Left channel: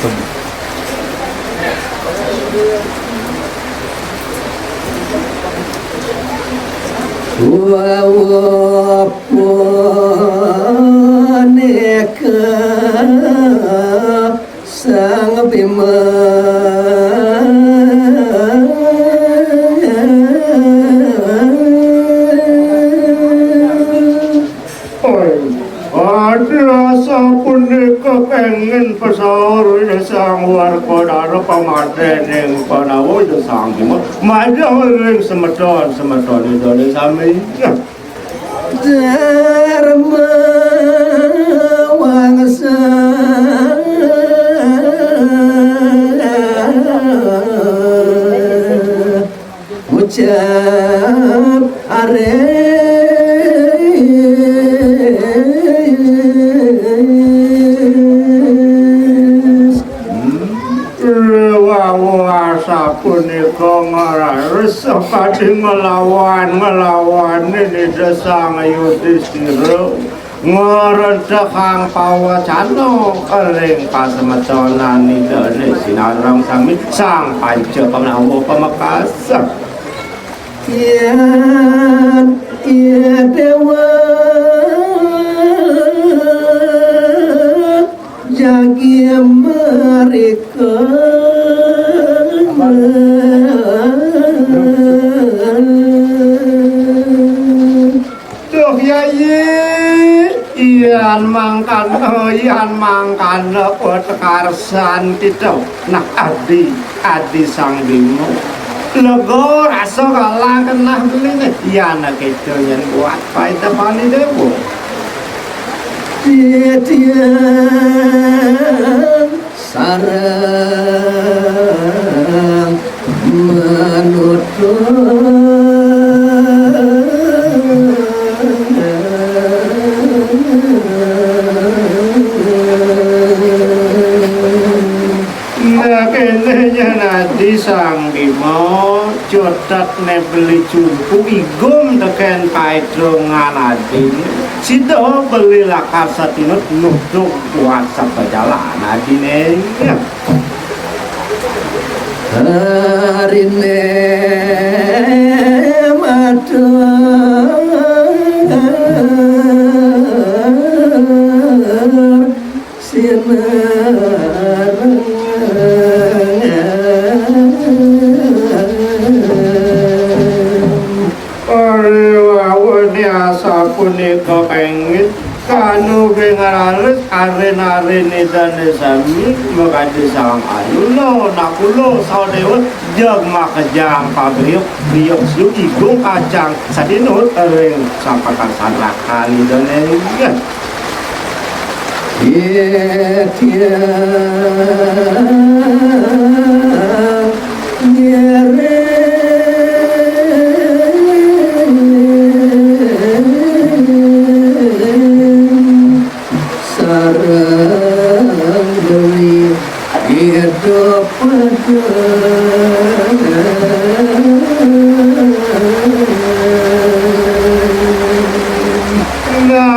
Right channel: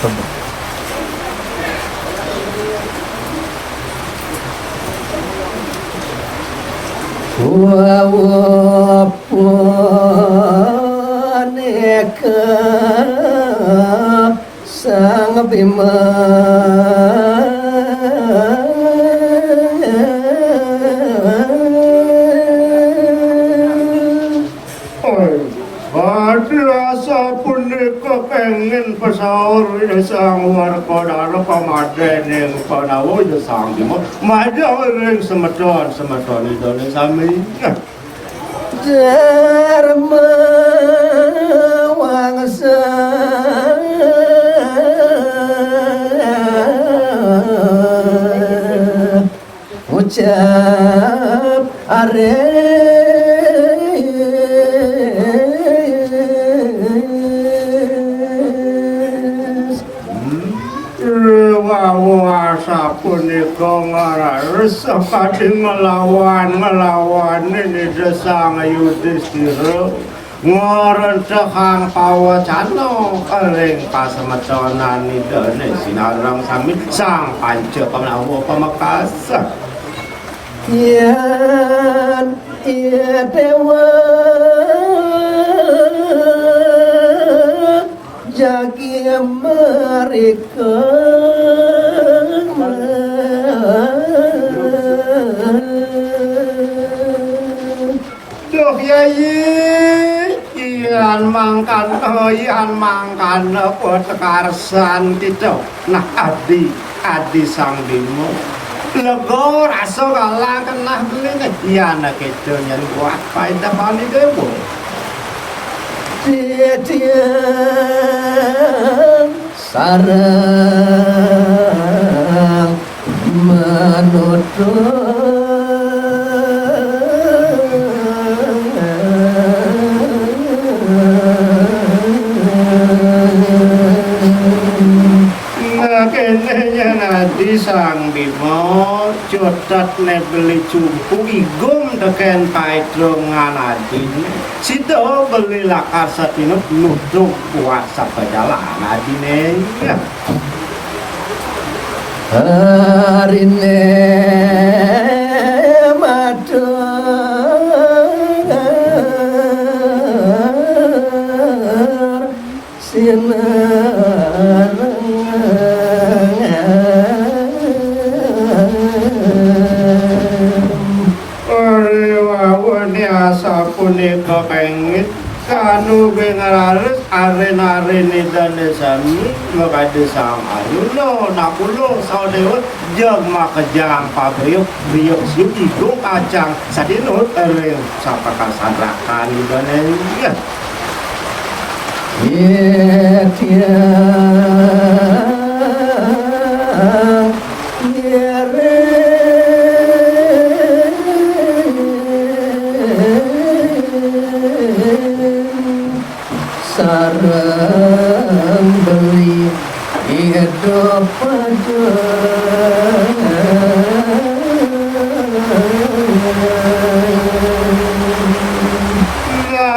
Neka sang bima punika pengen pesawur sang warpada pamaden yang panawo itu sanggup majurin semeton itu sami dharma wangsa ucap are punika ngares kadhe ngelawan ini desang Yudhistira ngrencang pawacana ing pasemetonan nidane sinarang sami sang panca panawa pamekasan yen dewa jagi mereka Ian mangkan petekarsan tidak nah adi sang Bima lego rasa kalah kenah belinget iyan kejayan buat paita pani dewa titian sarang menutup sang Bima jodak nebeli jumpu igum teken paedrongan adin sida beli lakar satinut nuduk puasa pejalan adine ya harine matur sinar punika pengit kanu bengarales arena-arene dane sami magadi sang ayulo nakulo sadewa jag makajang pabeyok biyok suci go kacang sadinut ering sampakan sanrakan dane ya beli hidup pada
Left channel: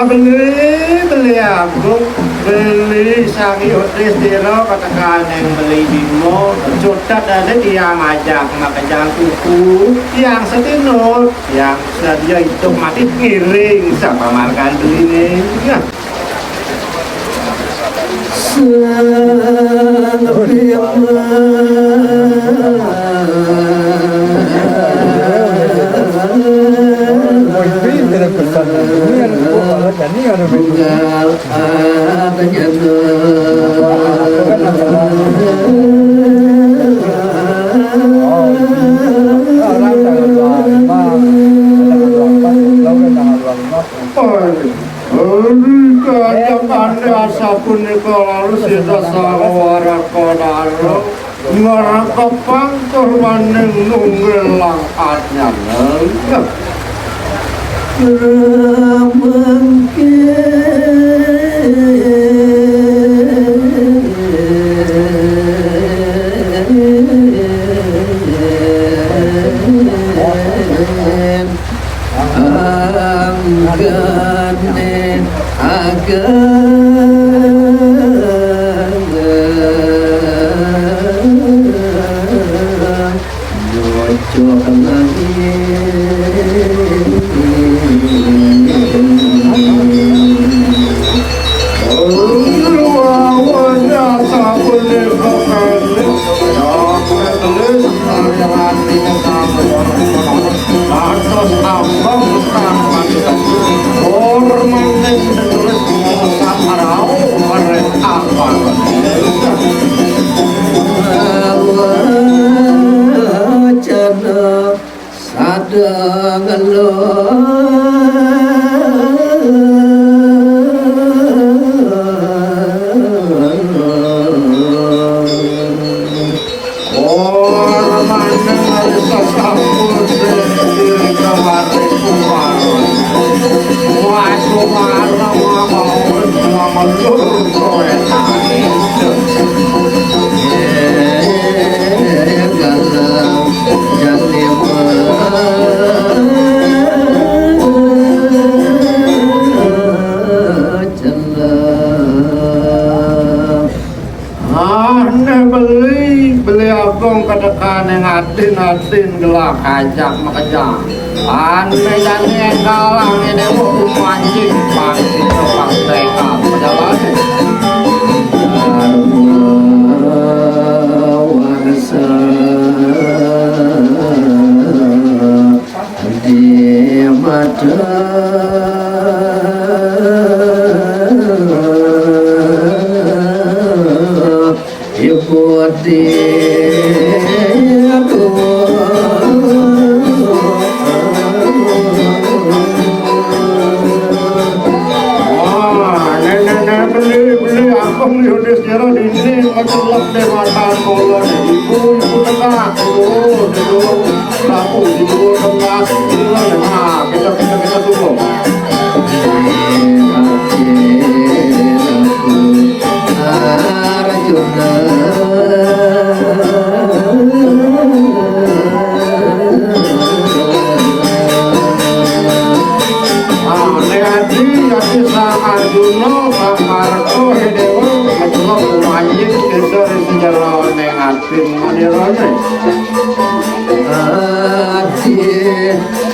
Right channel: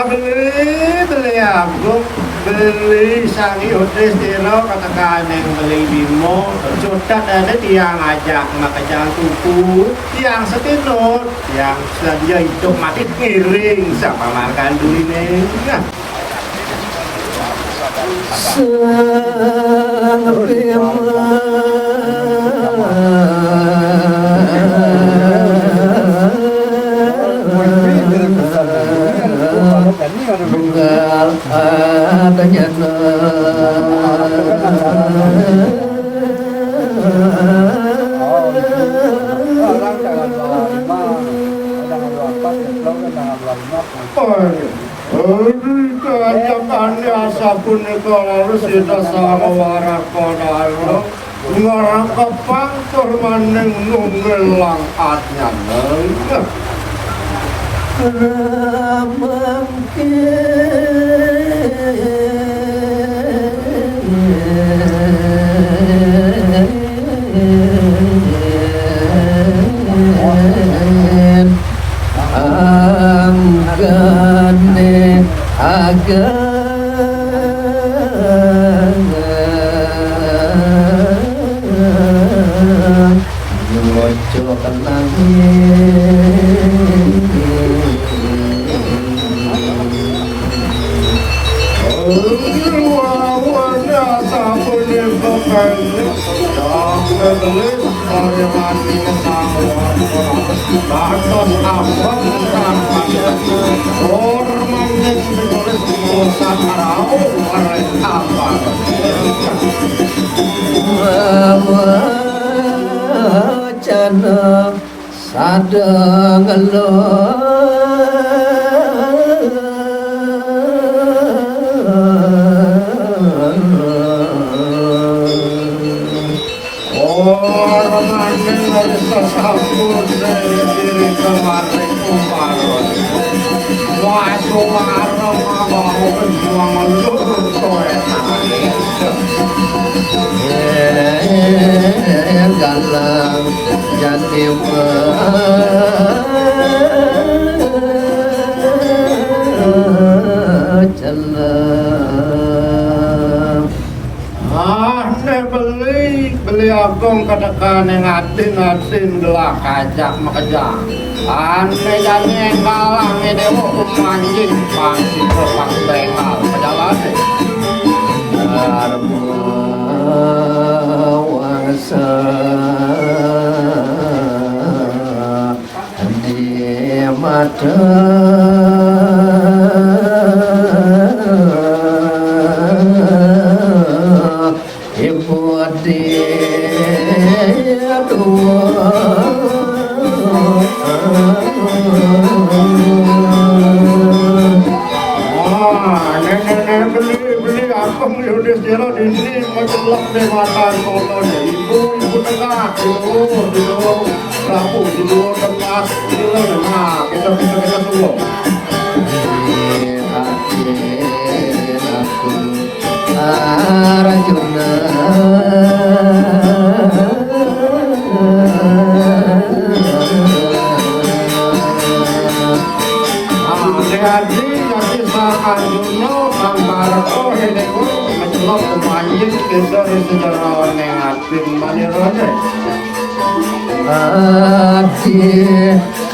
beli aku beli sang Yudhistira katakan yang beli Bima berjodat ada yang ngajak makajang kuku yang setinut yang sedia hidup mati kiring sama markan ini ya sang Bima adanya asa punika harus kita sang warakodara ngarakapang turmaning nunggelang adnyana anggane boleh bukan dokter tulis aliran ini kamu bagus ambang kamu hormat tulis mengusap parau oleh apa wajana sadang galang jadi beli agong kedekan yang atin gelah kajak makajak ane dan yang kalah nih dewa kumanjing pangsi ke pantai kal perjalanan arwasa di mata ibu dia tua beli apa nih udah sejarah ini kecelak deh mata kolon ibu tengah dulu kamu dulu tengah dulu nah kita dulu hati aku Arjuna Arjuna Sambarko Hidewo Majulo Kumayin Kendor Sejarawan yang atin Manirone Ati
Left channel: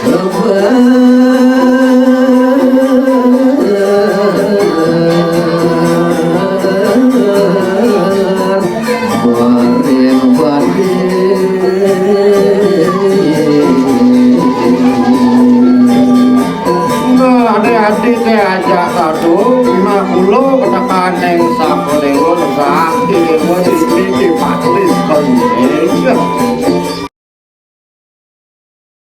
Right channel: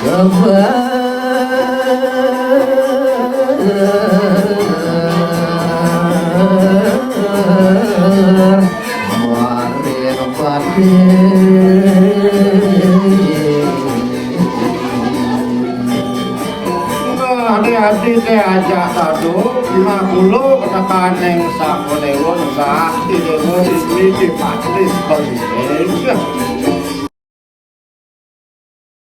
kebar Marin hati kayak aja kado 50 katakan yang sako dewa sakti dewa istri pasti sekali